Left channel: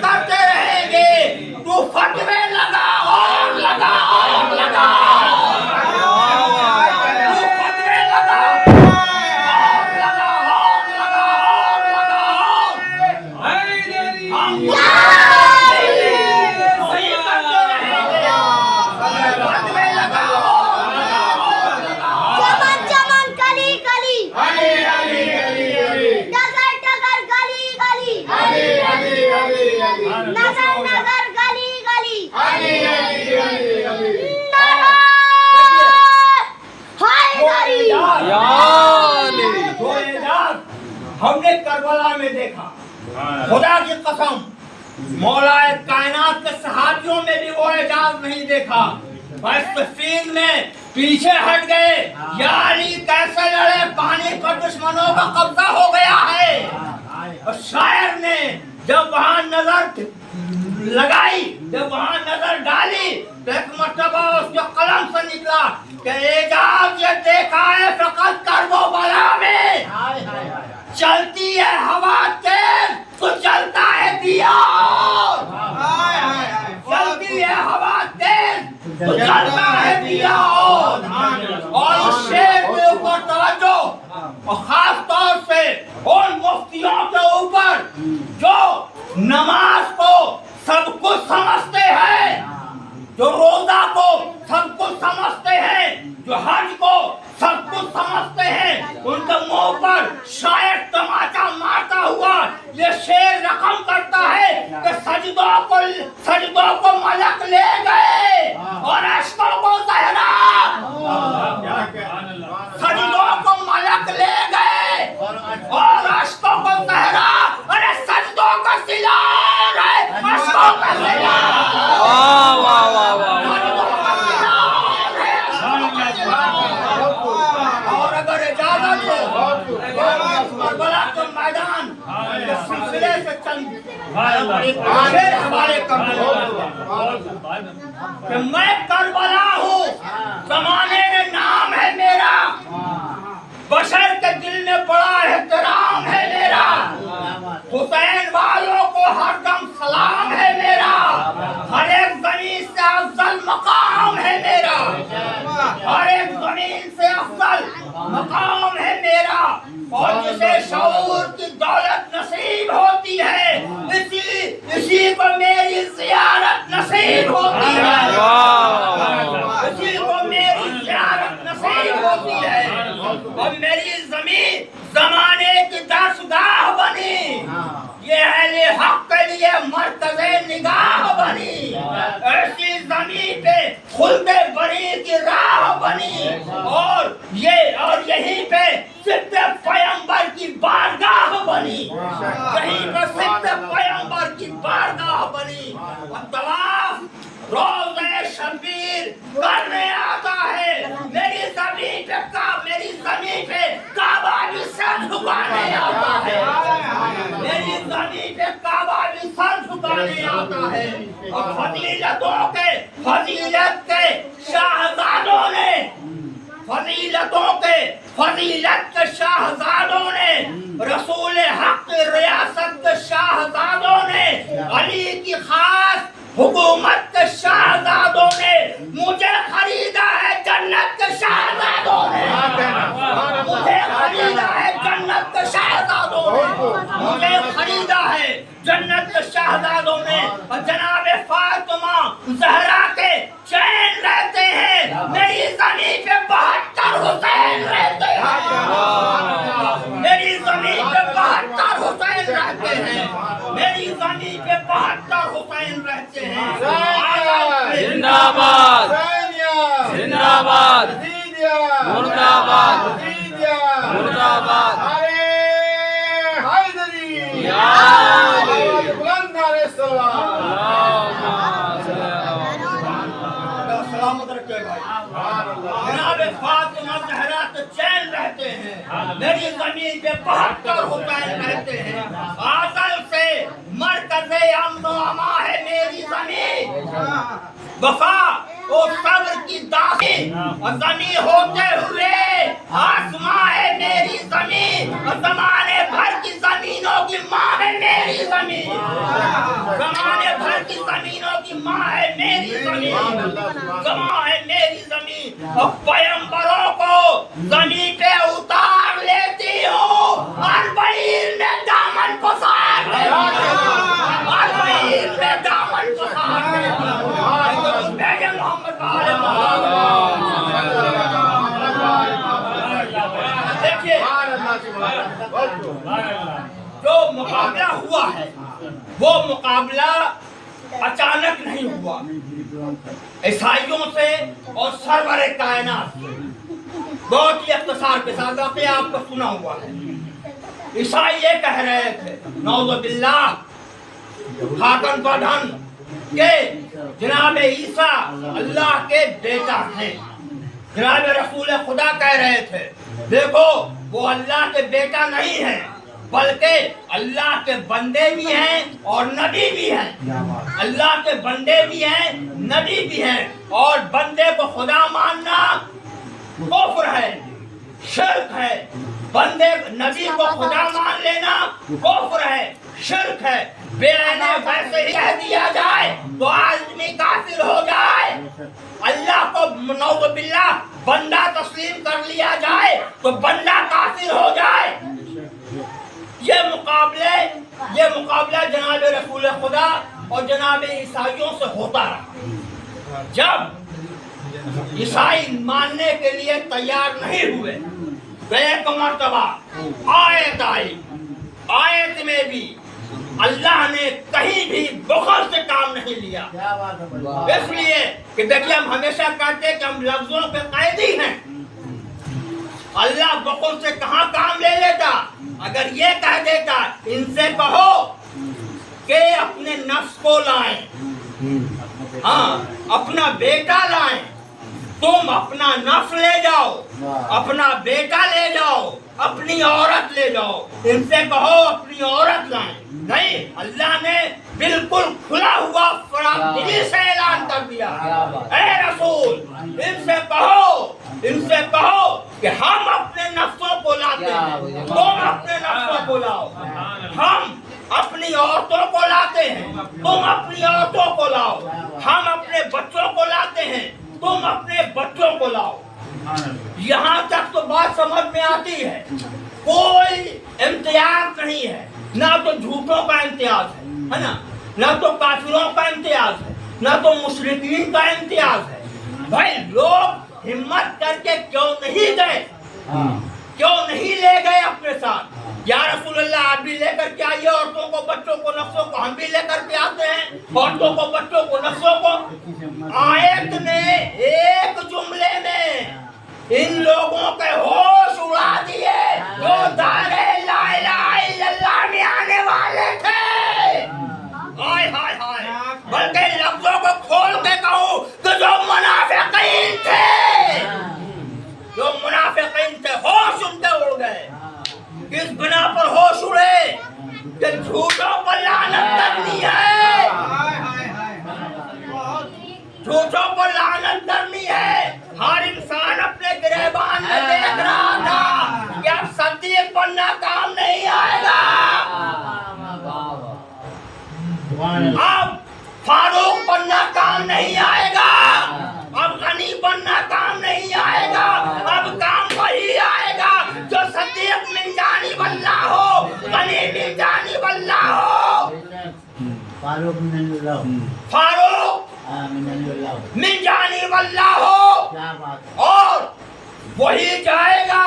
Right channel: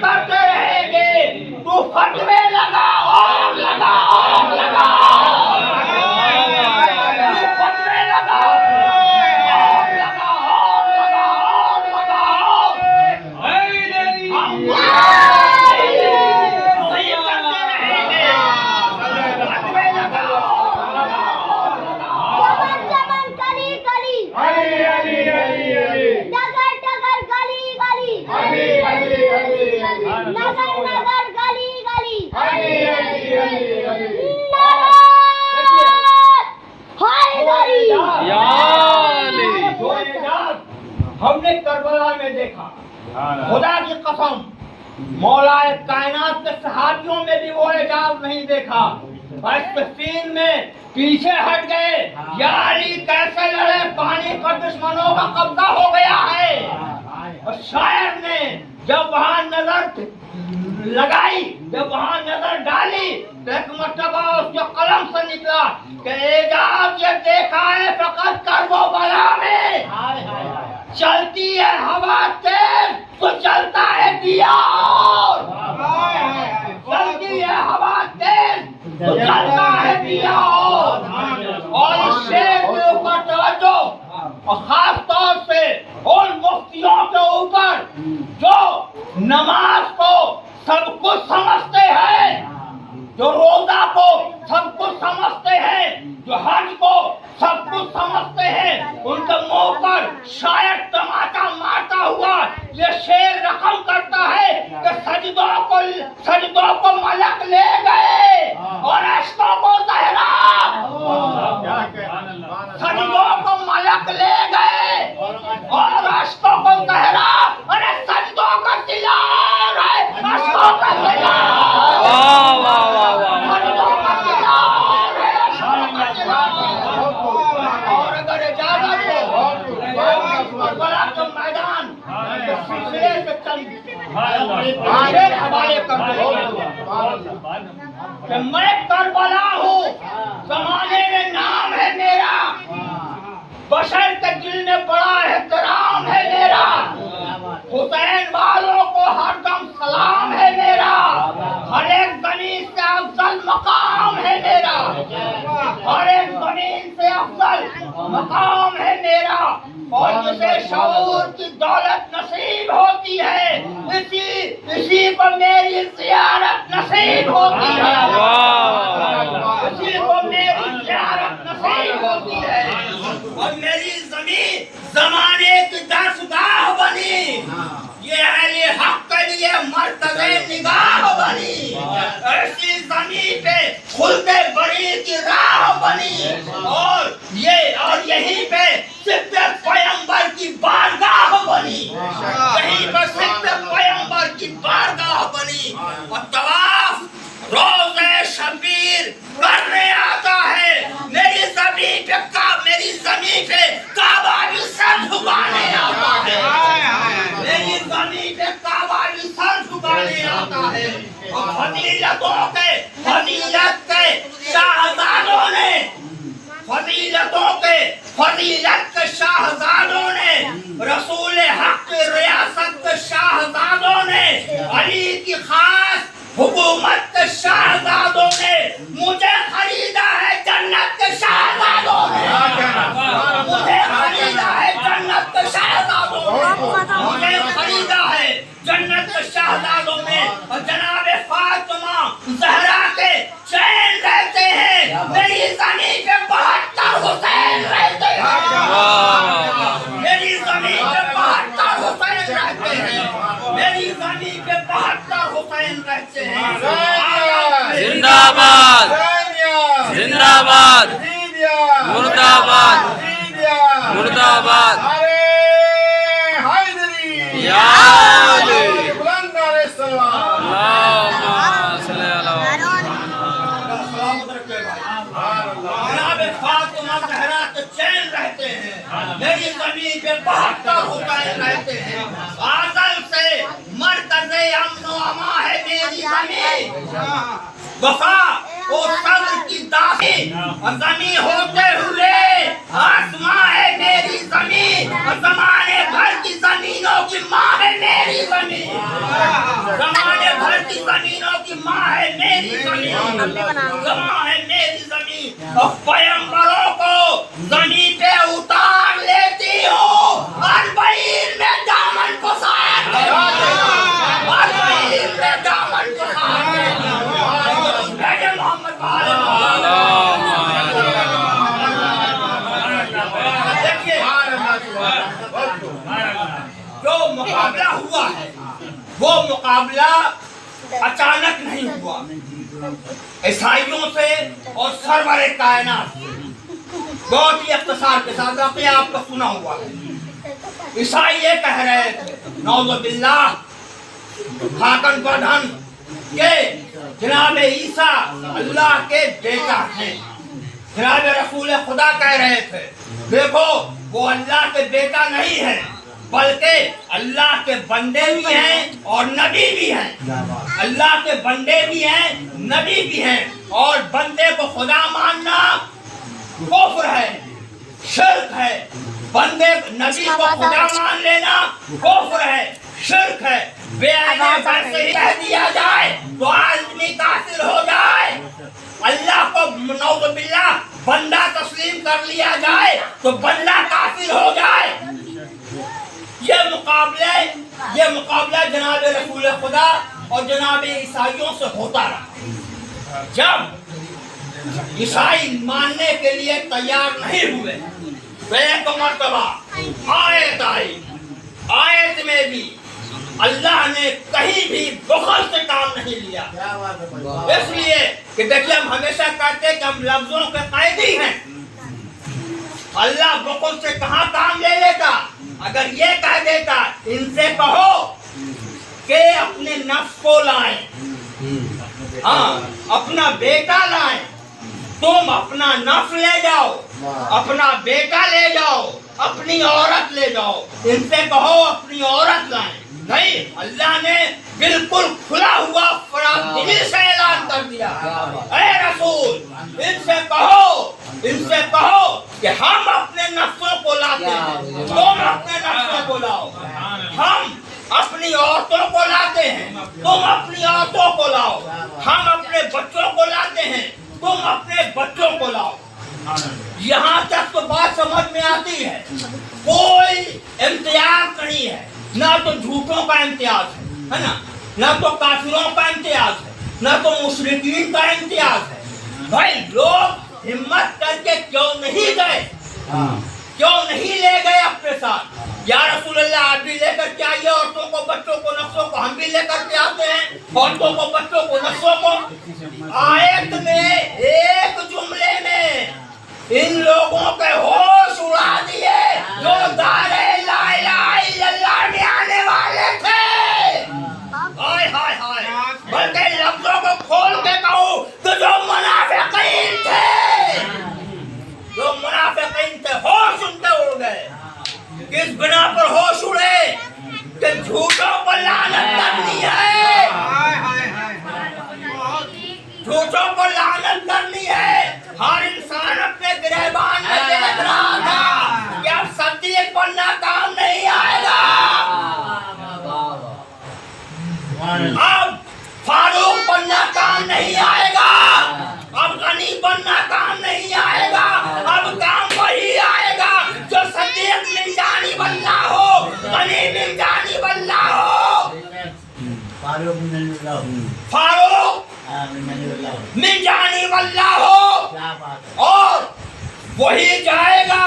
کرتے رہیں گے تو فتوے لگا اور لگا اور لگا تو فتوے لگا اور لگا اور لگا اور لگا ہم صحیح کرتے رہیں گے فتوے لگا اور لگا اور لگا چمن چمن کلی کلی ڈگر ڈگر گلی گلی نگر نگر گلی گلی ہم نے کربلا میں دیکھا خدا کی قسم مولا کائنات کے صحابیوں میں بھی وہ اعجاز نہیں دیکھا فلسطین میں پیچھے ہٹ گئے یا علی کیسے لڑے پانی پر دشمنوں کا قبضہ ہو گیا ہے اور شاعر نے جب وہاں نظر لگائی جب وہاں نظر ڈالی تو ایک مرتبہ اس کے قلم سے نکلا کہ اعجاز یہ دیکھا ہے فقط کربلا میں چلتی ہے ہوا تیز تو چلتا ہے دیا اور چلتی ہے ہوا تیز تو چلتا ہے دیا اور اس شعر کے اوپر توجہ اور خاص طور سے ان مفتیوں کے اوپر جو نماز کو سب کچھ سمجھتے ہیں جو روزہ کو سب کچھ سمجھتے ہیں جو حج کو سب کچھ سمجھتے ہیں ان کے منہ پر شاید تماچا مارتا ہوا یہ شعر رقم کرتا ہے کہ سجدوں کو ملک لے گئے اور عشقوں کو زہرا سجدوں کو ملک لے گئے اور عشقوں کو زہرا ارے سجدوں کا سلا ہے عشقوں کا سلا اور اگر اجازت ہو کربلا کے میدان کے سلسلے سے چند شعر حوالے کر دو کہ میں کربلا ہوں زمانے میں نام ہے میرا بشر کے دل میں بڑا احترام ہے میرا حسین والوں کو ہر دم سلام ہے میرا ہر ایک زمین سے افضل مقام ہے میرا ہر ایک زمین سے افضل مقام ہے میرا اور جسے شعور کی دولت نصیب ہوتی ہے اسی کو میری زیارت نصیب ہوتی ہے اسی کو میری زیارت نصیب ہوتی ہے اور میری زمین زمانے کی درسگاہ بنی یہ اہل حق کے لیے مرکز نگاہ بنی ایسی زمین پہ خلد بری کی راہ بنی اور یہیں پہ صدق پیغمبر کی بارگاہ بنی یہیں پہ صدق پیغمبر کی بارگاہ بنی اور طواف روزے شبیر کرنے آتا ہے میری زمین پہ کعبہ بھی سر جھکانے آتا ہے میری زمین پہ کعبہ بھی سر جھکانے آتا ہے اور فضیلت کے شاہزادوں نے رسول حق کی ریاست کے شاہزادوں نے علی کی خاص حکومت کے شاہزادوں نے مجھے خریدا ہے جنت کے شاہزادوں نے مجھے خریدا ہے جنت کے شاہزادوں نے مجھے خریدا ہے جنت کے شاہزادوں نے اور جناب فاطمہ زہرا کے چین رہتے ہیں میری زمین پہ 72 حسین رہتے ہیں میری زمین پہ 72 حسین رہتے ہیں میری زمین پہ 72 حسین رہتے ہیں زندہ باد زندہ باد مرد آباد مرد آباد یا علی سلامت رکھے بھائی جناب فاطمہ زہرا کے چین رہتے ہیں میری زمین پہ 72 حسین رہتے ہیں آزل سے مرکز امن و اما ہے میری زمین وفا اور صبر کی داخل اور زمین ہوتے ہوئے آسماں ہے میری زمین اور زمانے بھر کی زمینوں کی ماں ہے میری زمین زمانے بھر کی زمینوں کی ماں ہے میری زمین، زماں ہے میری زمین، اور پیغمبروں کو زمین پہ اتار لیتی ہوں، اربعین میں دامن پسار کے، اربعین میں دامن پسار کے، بھیجے محمد والے دیکھیے جو مقابلہ ہوا ہے وہ مقابلہ اچانک نہیں ہوا، عیسائیوں سے اور سرور کائنات سے۔ بہت ہی اختصار کے ساتھ واقعہ آپ کو سنا ہوا ہے۔ عیسائی یہ کہہ رہے تھے نعوذ باللہ خاکن پدھن کہ جناب عیسیٰ اللہ کے بیٹا ہیں۔ جناب رسول خدا کہہ رہے تھے دیکھو وہ اللہ کے بیٹا نہیں ہے بلکہ اللہ کے بندے بھی ہیں اور نبی بھی ہیں، اللہ کے بندے بھی ہیں نبی بھی ہیں، اور بندے کو خدا ماننا کفر ہے، شرک ہے، بندے نبی کو خدا مان لینا کفر ہے، شرک ہے۔ بے آنے ویسے ہی کہہ دیا جائے تو آدمی کافر ہو جائے، اللہ کو نعوذ باللہ بندہ تسلیم کر لیا جائے تو بندہ کافر ہو جائے۔ یہ مقابلہ جناب رسول خدا اور جناب عیسائیوں سے ہوتا رہا۔ جب عیسائی ماننے کے لیے تیار نہیں ہوئے تو ایک مرتبہ آیت آئی، آیت میں بھی اللہ نے کہیں بھی بخل سے کام نہیں لیا، اس لیے کہ دیکھیے ہم ہمیشہ کہتے ہیں کہ ہم لفظوں کے قیدی ہیں، اللہ بخل سے کہاں کام لے لیتا؟ اگر یہ کہہ دیتا ان سے کہو کہ اپنے نفس کو لائیں، ہاں اپنا بیٹا لائیں، تم اپنا نفس لے جاؤ، اپنا بیٹا لے جاؤ، اپنی عورت لے جاؤ، ان سے کہو اپنی عورت لائیں۔ نہیں، اللہ نے بالکل کھلا ہوا فراخ دلی سے اعلان کر دیا، اے رسول ان سے کہو کہ ہم اپنے نفسوں کو لاتے ہیں، تم اپنے نفسوں کو لاؤ، ہم اپنی عورتوں کو لاتے ہیں، تم اپنی عورتوں کو لاؤ، ہم اپنے بچوں کو لاتے ہیں، تم اپنے بچوں کو لاؤ۔ یہاں تک تو بات سمجھ میں آتی ہے، کوئی امتیاز نہیں ہے، نہ تو جھوٹوں کا امتیاز ہے نا، نہ تو کافروں کا امتیاز ہے، نہ تو مشرکین کا امتیاز ہے۔ بھائی لوگ ہمت کر کے کیوں نہیں گئے، کیوں نہیں لے گئے اپنے ساتھ؟ یا رسول اللہ آپ بھی لے کر کے آئیے عورتوں کو، بچوں کو، نفسوں کو، ہم بھی لے کر کے آتے ہیں عورتوں کو، بچوں کو، نفسوں کو۔ آیت نے ایک جملے میں ان لوگوں کے ہوش اڑا دیے جو دائرے لا الہ الا اللہ میں آنے والے تھے۔ ہائے ہائے ہائے، بلکہ لفظوں کو کھول کے کہوں تو جو منافقین تھے، ہوش ان کے اڑ گئے۔ کس بنا پر ہوش اڑے؟ کہ جھوٹوں پر لعنت کرنی ہے، جھوٹوں کو لعنت کرنی ہے۔ ہر انسان اپنے گریبان میں دیکھ رہا تھا کہ اب صدیق بننا کام نہیں آئے گا، اب فاروق بننا کام نہیں آئے گا، اب غنی بننا کام نہیں آئے گا، اب کام وہی آئے گا جو صدیق من جانب اللہ ہو، غنی من جانب اللہ ہو، فاروق من جانب اللہ ہو، اور وہی جائے گا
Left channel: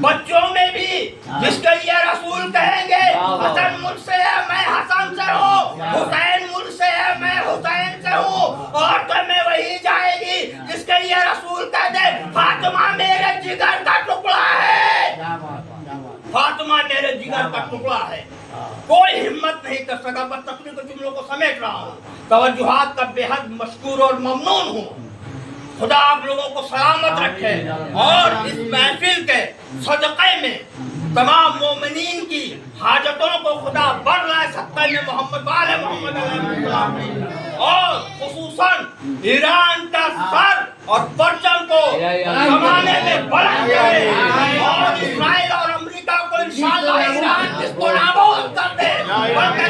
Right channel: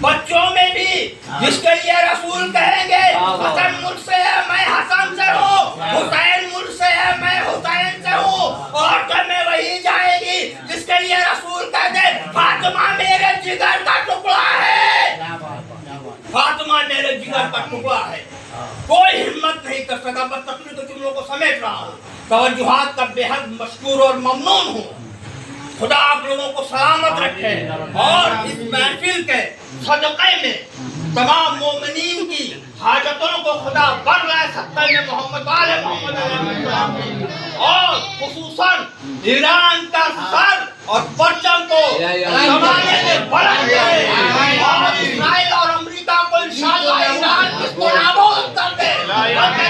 بچوں میں بھی، جس کے لیے رسول کہیں گے حسن مجھ سے ہے میں حسن سے ہوں، حسین مجھ سے ہے میں حسین سے ہوں، اور تو میں وہی جائے گی جس کے لیے رسول کہتے فاطمہ میرے جگر کا ٹکڑا ہے، فاطمہ میرے جگر کا ٹکڑا ہے۔ کوئی ہمت نہیں کر سکا، بس تقریر کے جملوں کو سمیٹ رہا ہوں، توجہات کا بے حد مشکور اور ممنون ہوں۔ خدا آپ لوگوں کو سلامت رکھے اور اس محفل کے صدقے میں تمام مومنین کی حاجتوں کو خدا بر لائے سکتے میں محمد والے محمد علیہ السلام کی، اور خصوصاً ایران کا سر اور پرچم کو زمانے میں بلند کرے، اور اسرائیل اور امریکہ کو انشاءاللہ ایران کس کو نابود کر دے، بلکہ